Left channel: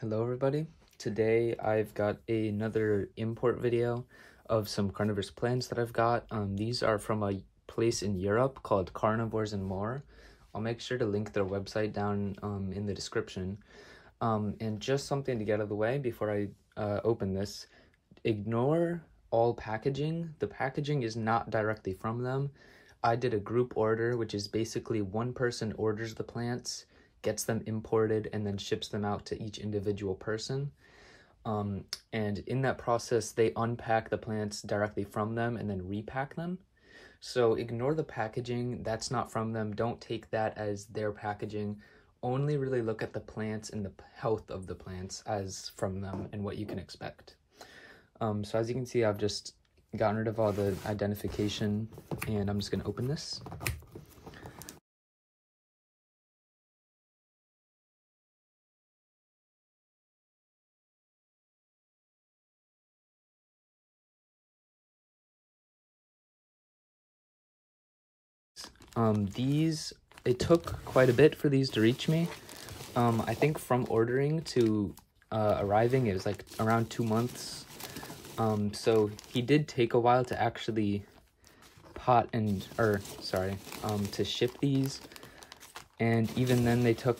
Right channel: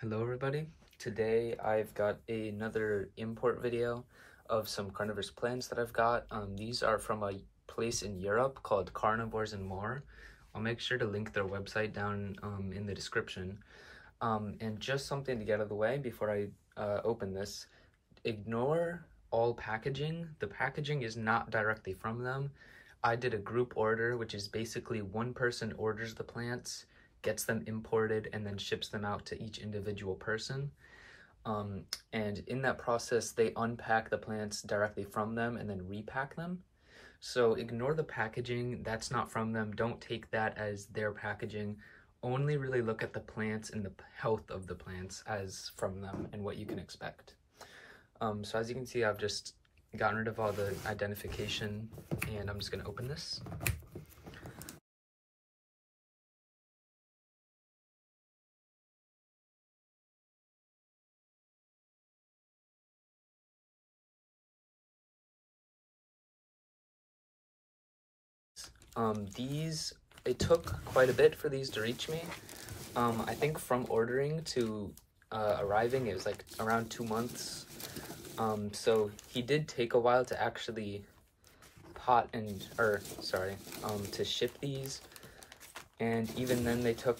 Hello everybody. Today I've got another import video of some carnivorous plants that I've got. These are from a place in Europe called Carnivores and More. I'll make sure to link their website down in the description. And just something to get out of the way before I open this. Ignore all packaging. The packaging is not directly from them. I did a group order, which is basically one person orders the plants, gets them imported, and then ships them out to each individual person. And in that process, they unpack the plants directly from them and then repack them. So ignore the packaging. That's not from them. Don't take that as their packaging. Only really look at the plants and the health of the plants as from them and what you can expect. So as you can see, I've just gotten rid of all the identification, and I'm just going to open this. It took quite a bit for these to reach me. I think from ordering to arriving, it was like around 2 months. So he did take a while to actually to ship these. And even then they took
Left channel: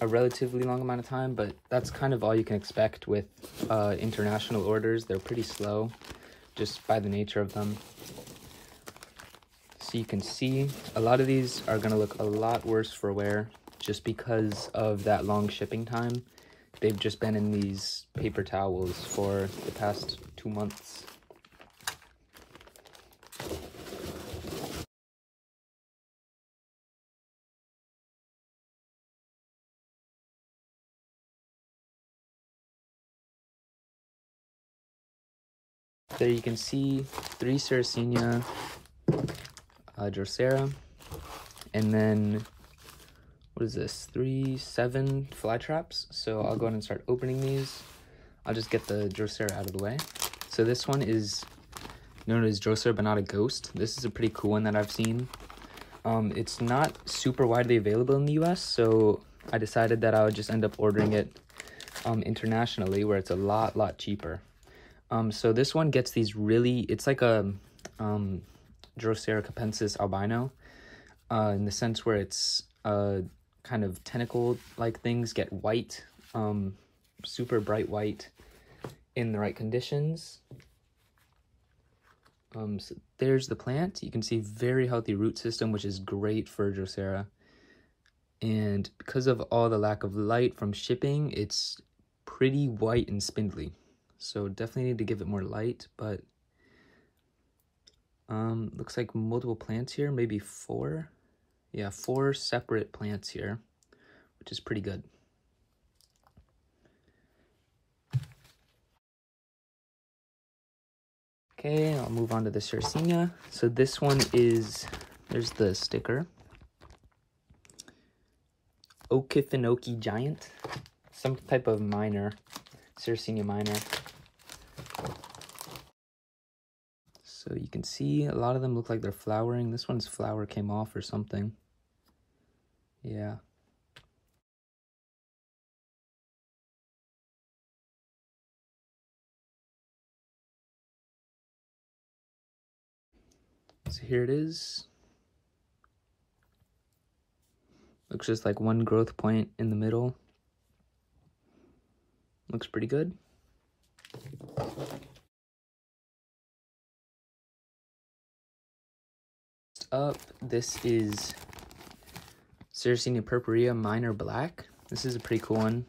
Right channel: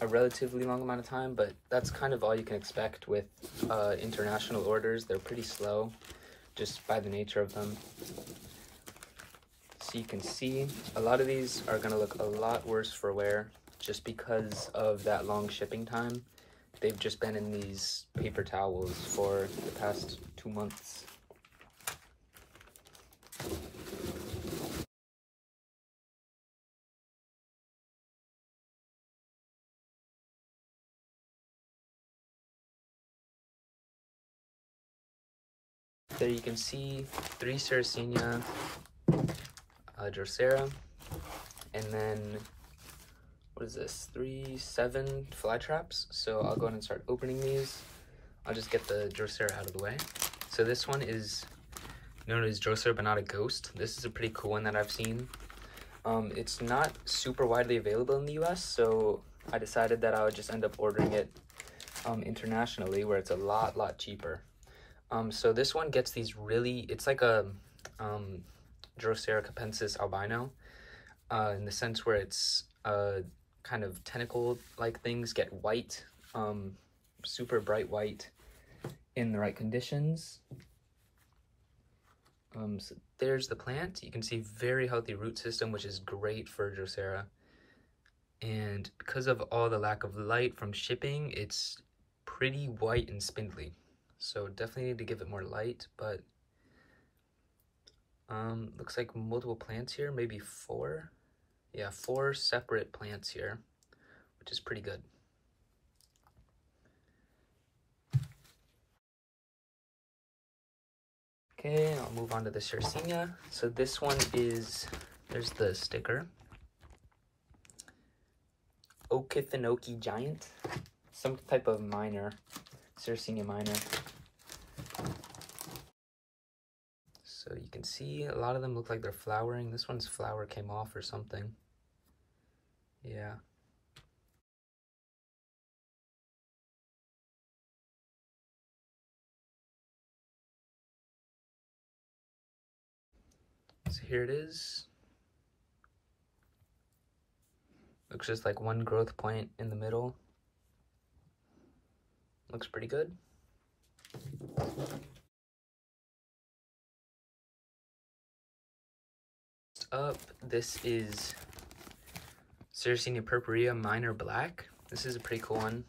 a relatively long amount of time, but that's kind of all you can expect with international orders. They're pretty slow, just by the nature of them. So you can see a lot of these are going to look a lot worse for wear just because of that long shipping time. They've just been in these paper towels for the past 2 months. There you can see 3 Sarracenia, Drosera, and then, what is this, 7 fly traps. So I'll go ahead and start opening these. I'll just get the Drosera out of the way. So this one is known as Drosera Binata Ghost. This is a pretty cool one that I've seen. It's not super widely available in the US, so I decided that I would just end up ordering it internationally, where it's a lot cheaper. So this one gets these really, it's like a Drosera capensis albino, in the sense where it's kind of tentacle-like things get white, super bright white in the right conditions. So there's the plant. You can see very healthy root system, which is great for Drosera. And because of all the lack of light from shipping, it's pretty white and spindly. So definitely need to give it more light, but looks like multiple plants here, maybe 4. Yeah, 4 separate plants here, which is pretty good. Okay, I'll move on to the Sarracenia. So this one is, there's the sticker. Okefenokee giant, some type of minor, Sarracenia minor. So you can see a lot of them look like they're flowering. This one's flower came off or something. Yeah. So here it is. Looks just like one growth point in the middle. Looks pretty good. Up, this is Sarracenia Purpurea Minor Black. This is a pretty cool one.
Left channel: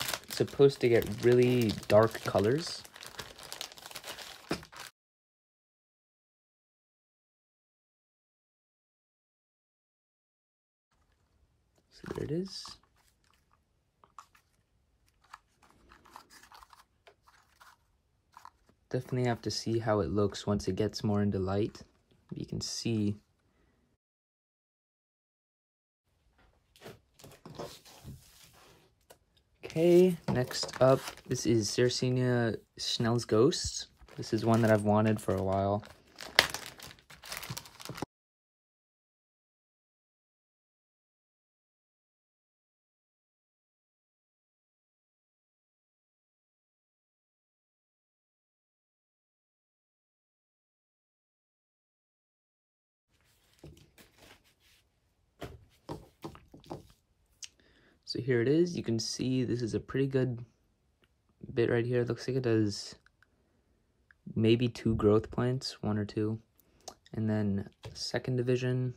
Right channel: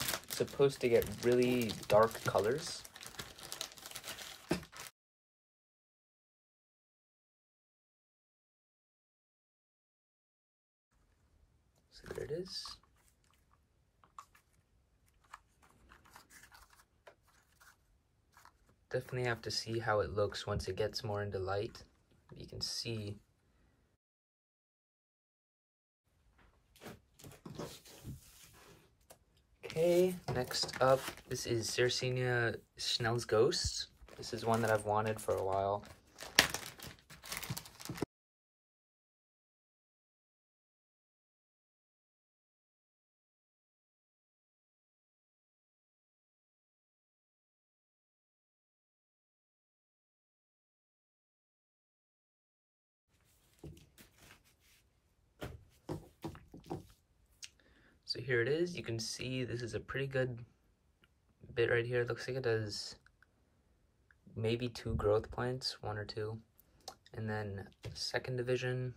It's supposed to get really dark colors. So there it is. Definitely have to see how it looks once it gets more into light. You can see okay, next up, this is Sarracenia Schnell's Ghosts. This is one that I've wanted for a while. So here it is. You can see this is a pretty good bit right here. It looks like it has maybe 2 growth points, 1 or 2. And then second division,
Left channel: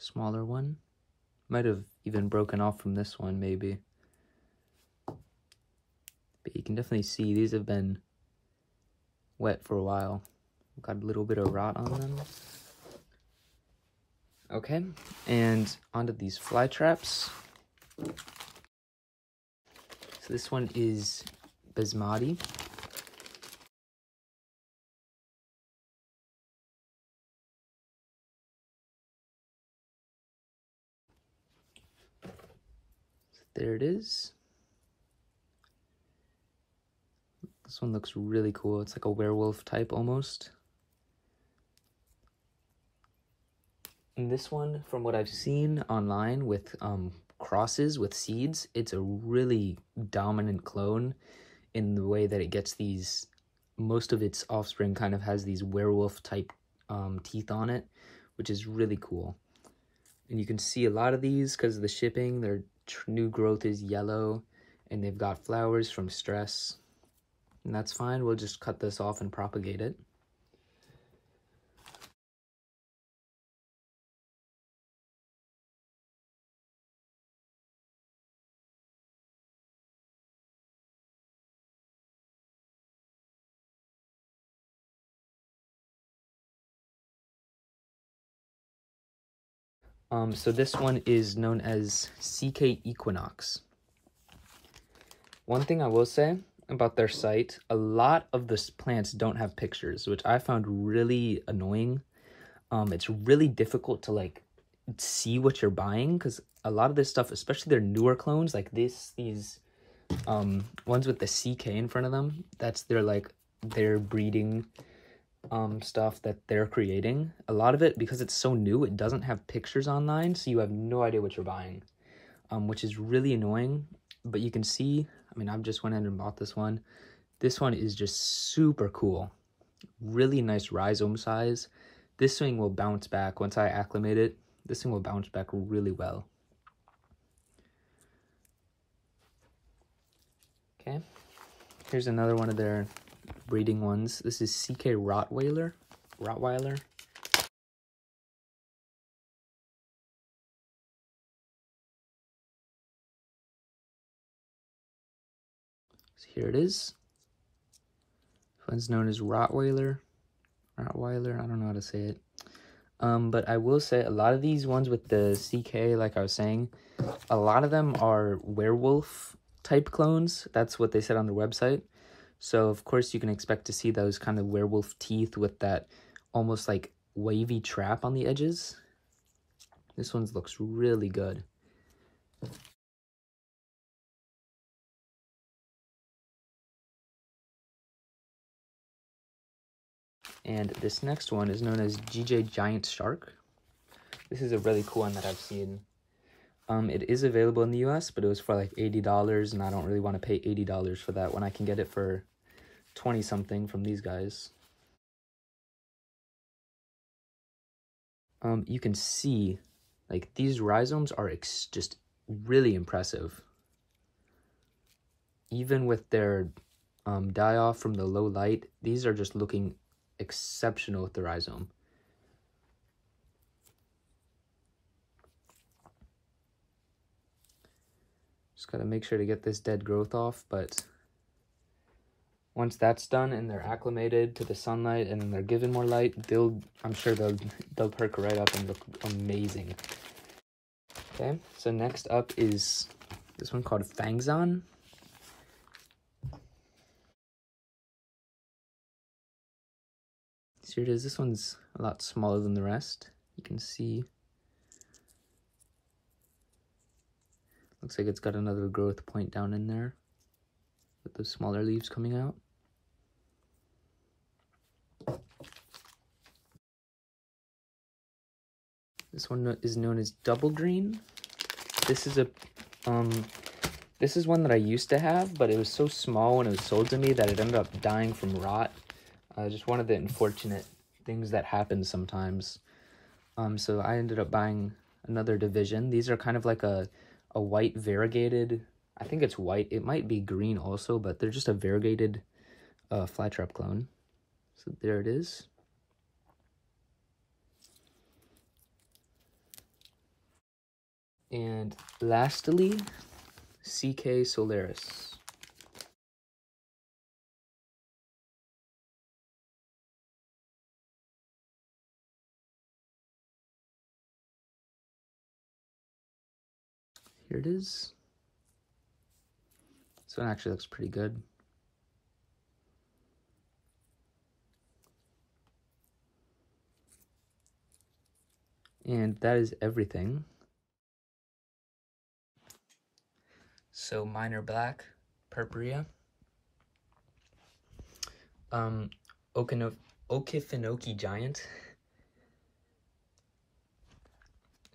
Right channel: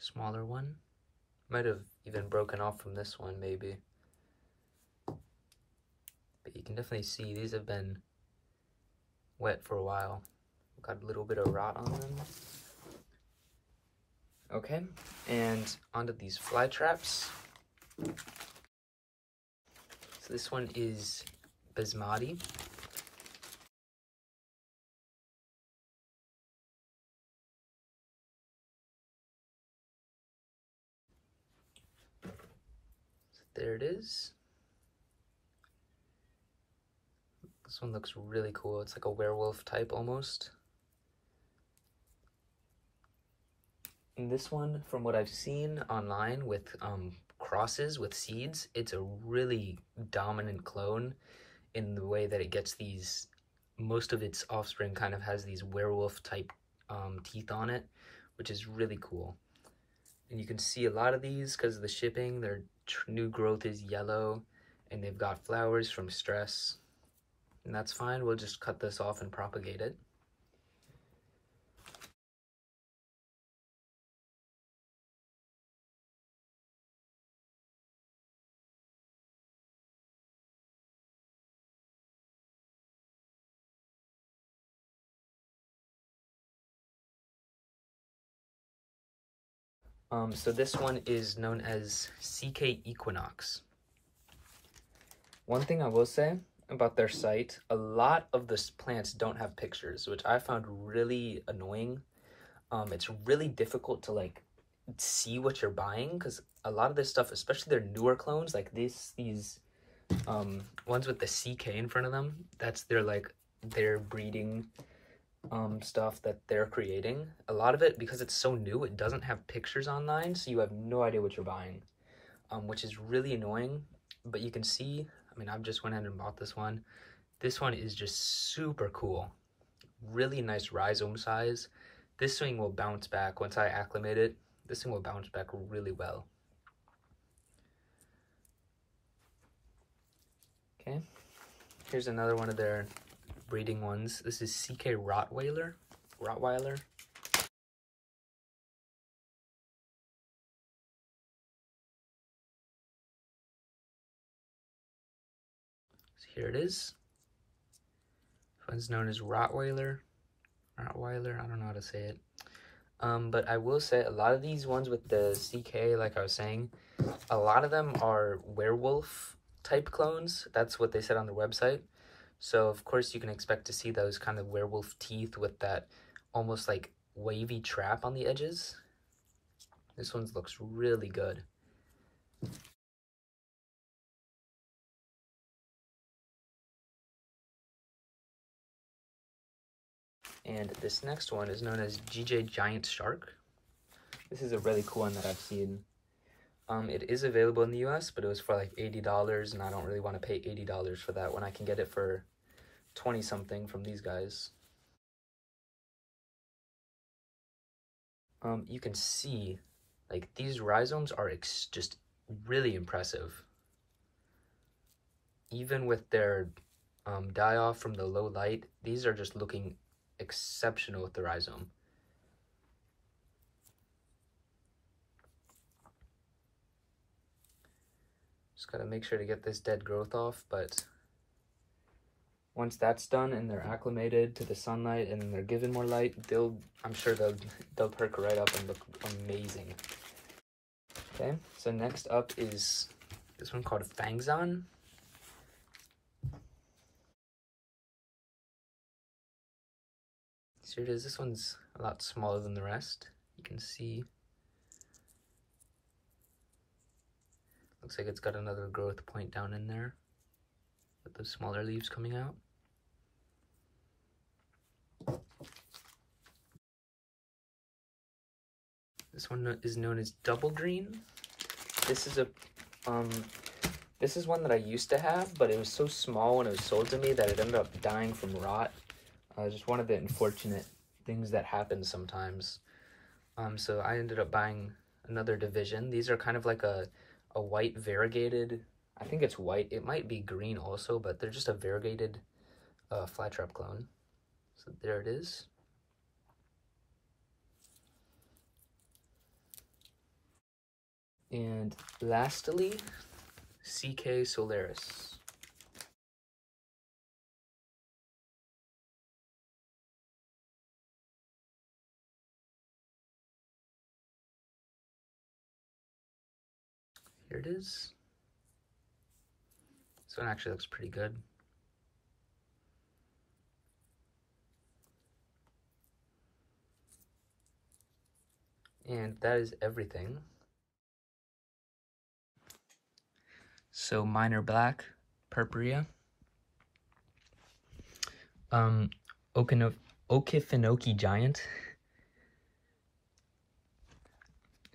smaller one. Might have even broken off from this one, maybe. But you can definitely see these have been wet for a while. Got a little bit of rot on them. Okay, and onto these fly traps. So this one is Basmati. There it is. This one looks really cool. It's like a werewolf type almost. And this one, from what I've seen online with crosses with seeds, it's a really dominant clone in the way that it gets these, most of its offspring kind of has these werewolf type teeth on it, which is really cool. And you can see a lot of these because of the shipping, their new growth is yellow and they've got flowers from stress. And that's fine, we'll just cut this off and propagate it. So this one is known as CK Equinox. One thing I will say about their site, a lot of the plants don't have pictures, which I found really annoying. It's really difficult to like see what you're buying because a lot of this stuff, especially their newer clones, like these ones with the CK in front of them, that's their breeding stuff that they're creating. A lot of it, because it's so new, it doesn't have pictures online, so you have no idea what you're buying, which is really annoying. But you can see, I mean, I've just went in and bought this one. This one is just super cool. Really nice rhizome size. This thing will bounce back once I acclimate it. This thing will bounce back really well. Okay, here's another one of their breeding ones. This is CK Rottweiler. So here it is. This one's known as Rottweiler. I don't know how to say it. But I will say a lot of these ones with the CK, like I was saying, a lot of them are werewolf type clones. That's what they said on their website. So of course you can expect to see those kind of werewolf teeth with that almost like wavy trap on the edges. This one looks really good. And this next one is known as GJ Giant Shark. This is a really cool one that I've seen. It is available in the US, but it was for like $80, and I don't really want to pay $80 for that when I can get it for 20 something from these guys. You can see like these rhizomes are just really impressive. Even with their die off from the low light, these are just looking exceptional with the rhizome. Just gotta make sure to get this dead growth off, but once that's done and they're acclimated to the sunlight and they're given more light, I'm sure they'll perk right up and look amazing. Okay, so next up is this one called Fangzahn. So here it is. This one's a lot smaller than the rest. You can see. Looks like it's got another growth point down in there with the smaller leaves coming out. This one is known as Double Green. This is one that I used to have, but it was so small when it was sold to me that it ended up dying from rot. Just one of the unfortunate things that happen sometimes. So I ended up buying another division. These are kind of like a a white variegated, I think it's white. It might be green also, but they're just a variegated flytrap clone. So there it is. And lastly, CK Solaris. Here it is. This one actually looks pretty good. And that is everything. So mine are black, Purpurea, Okefenokee Giant,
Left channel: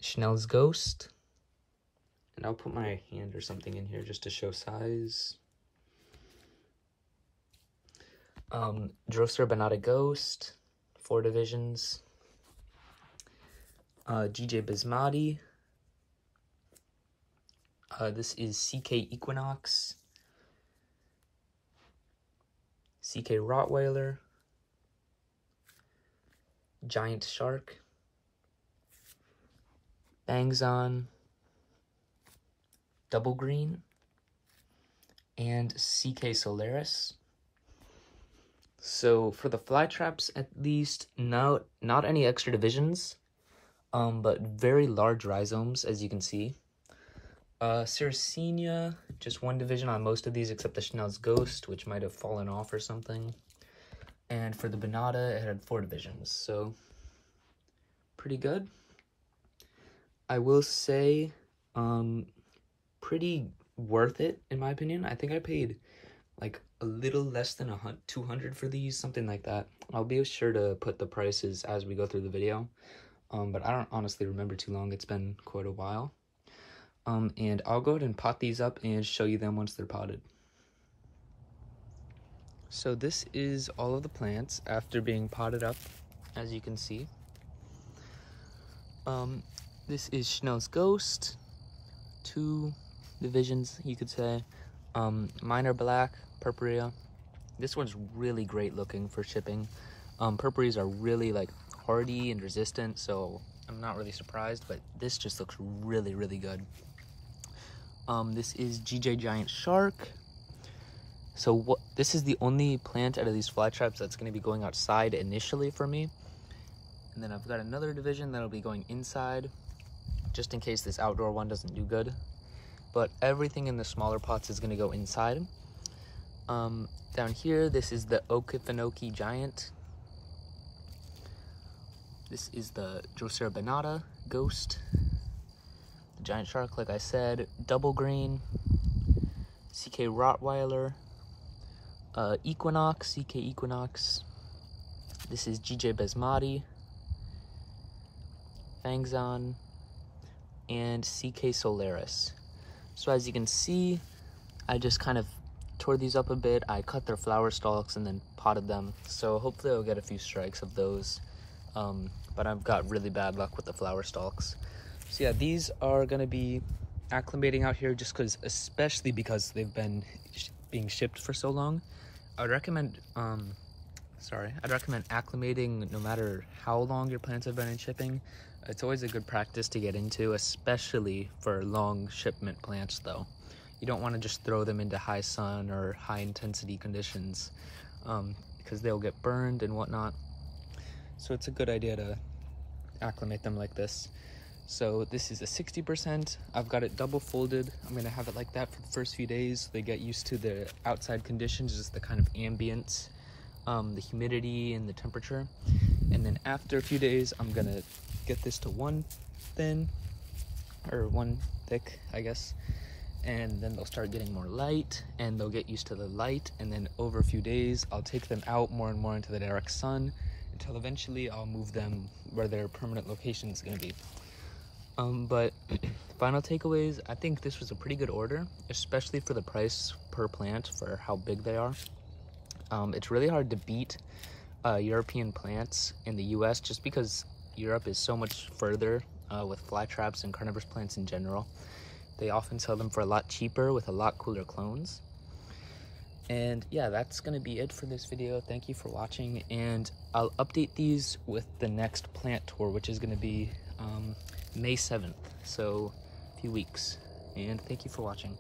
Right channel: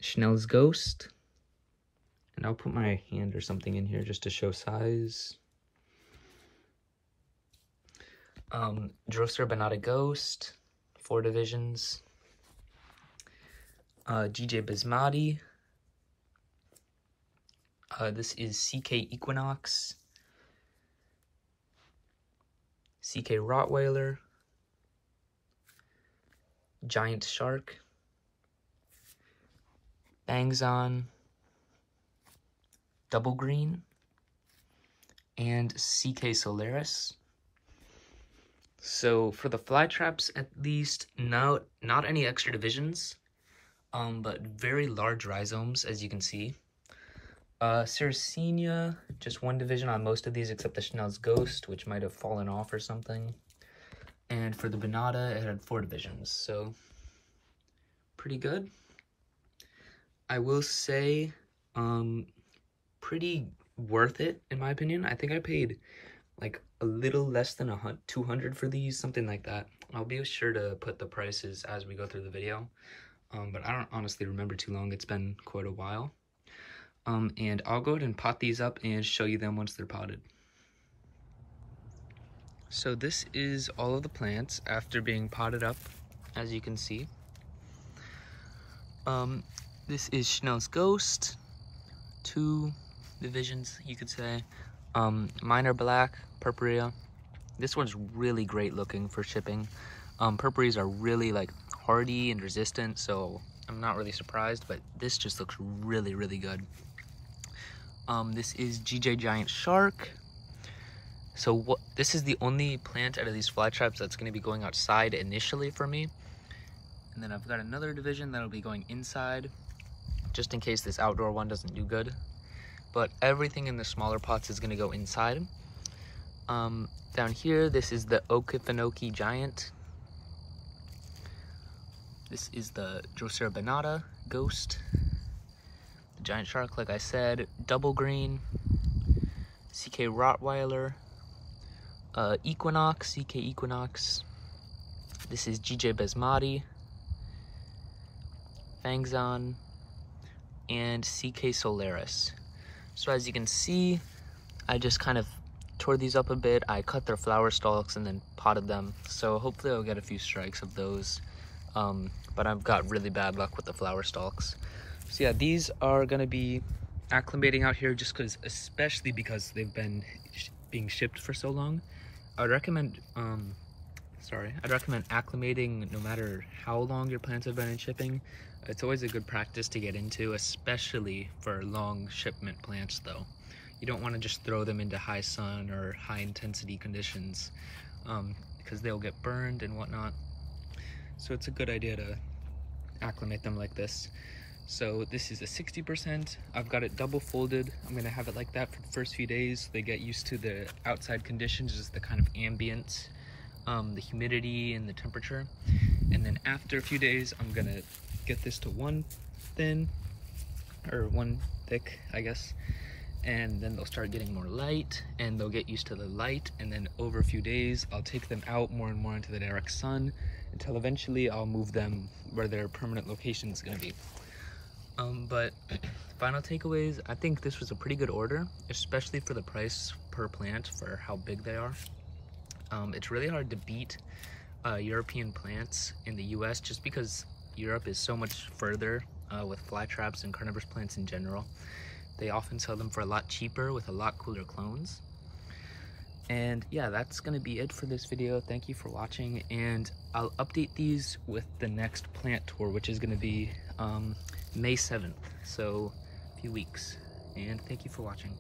Schnell's Ghost, and I'll put my hand or something in here just to show size. Drosera Binata Ghost, 4 divisions. GJ Basmati. This is CK Equinox, CK Rottweiler, Giant Shark, Fangzahn, Double Green, and CK Solaris. So for the fly traps, at least, not any extra divisions, but very large rhizomes, as you can see. Sarracenia, just 1 division on most of these except the Schnell's Ghost, which might have fallen off or something. And for the Binata, it had 4 divisions, so pretty good. I will say, pretty worth it, in my opinion. I think I paid like a little less than 200 for these, something like that. I'll be sure to put the prices as we go through the video. But I don't honestly remember too long. It's been quite a while. And I'll go ahead and pot these up and show you them once they're potted. So this is all of the plants after being potted up, as you can see. This is Schnell's Ghost, 2 divisions, you could say. Mine are black, Purpurea. This one's really great looking for shipping. Purpureas are really like hardy and resistant, so I'm not really surprised, but this just looks really, really good. This is GJ Giant Shark. So this is the only plant out of these fly traps that's going to be going outside initially for me. And then I've got another division that'll be going inside, just in case this outdoor one doesn't do good. But everything in the smaller pots is going to go inside. Down here, this is the Okefenokee Giant. This is the Drosera Binata Ghost. The Giant Shark, like I said. Double Green. CK Rottweiler. Equinox, CK Equinox. This is GJ Basmati. Fangzahn. And CK Solaris. So as you can see, I just kind of tore these up a bit. I cut their flower stalks and then potted them. So hopefully I'll get a few strikes of those. But I've got really bad luck with the flower stalks. So yeah, these are going to be acclimating out here just especially because they've been being shipped for so long. I'd recommend, I'd recommend acclimating no matter how long your plants have been in shipping. It's always a good practice to get into, especially for long shipment plants though. You don't want to just throw them into high sun or high intensity conditions because they'll get burned and whatnot. So it's a good idea to acclimate them like this. So this is a 60%. I've got it double folded. I'm gonna have it like that for the first few days. They get used to the outside conditions, just the kind of ambient, the humidity and the temperature. And then after a few days, I'm gonna get this to 1 thin, or 1 thick, I guess. And then they'll start getting more light and they'll get used to the light. And then over a few days, I'll take them out more and more into the direct sun until eventually I'll move them where their permanent location is gonna be. But final takeaways, I think this was a pretty good order, especially for the price per plant for how big they are. It's really hard to beat European plants in the US just because Europe is so much further with fly traps and carnivorous plants in general. They often sell them for a lot cheaper with a lot cooler clones. And yeah, that's gonna be it for this video. Thank you for watching, and I'll update these with the next plant tour, which is gonna be May 7th, so a few weeks. And thank you for watching.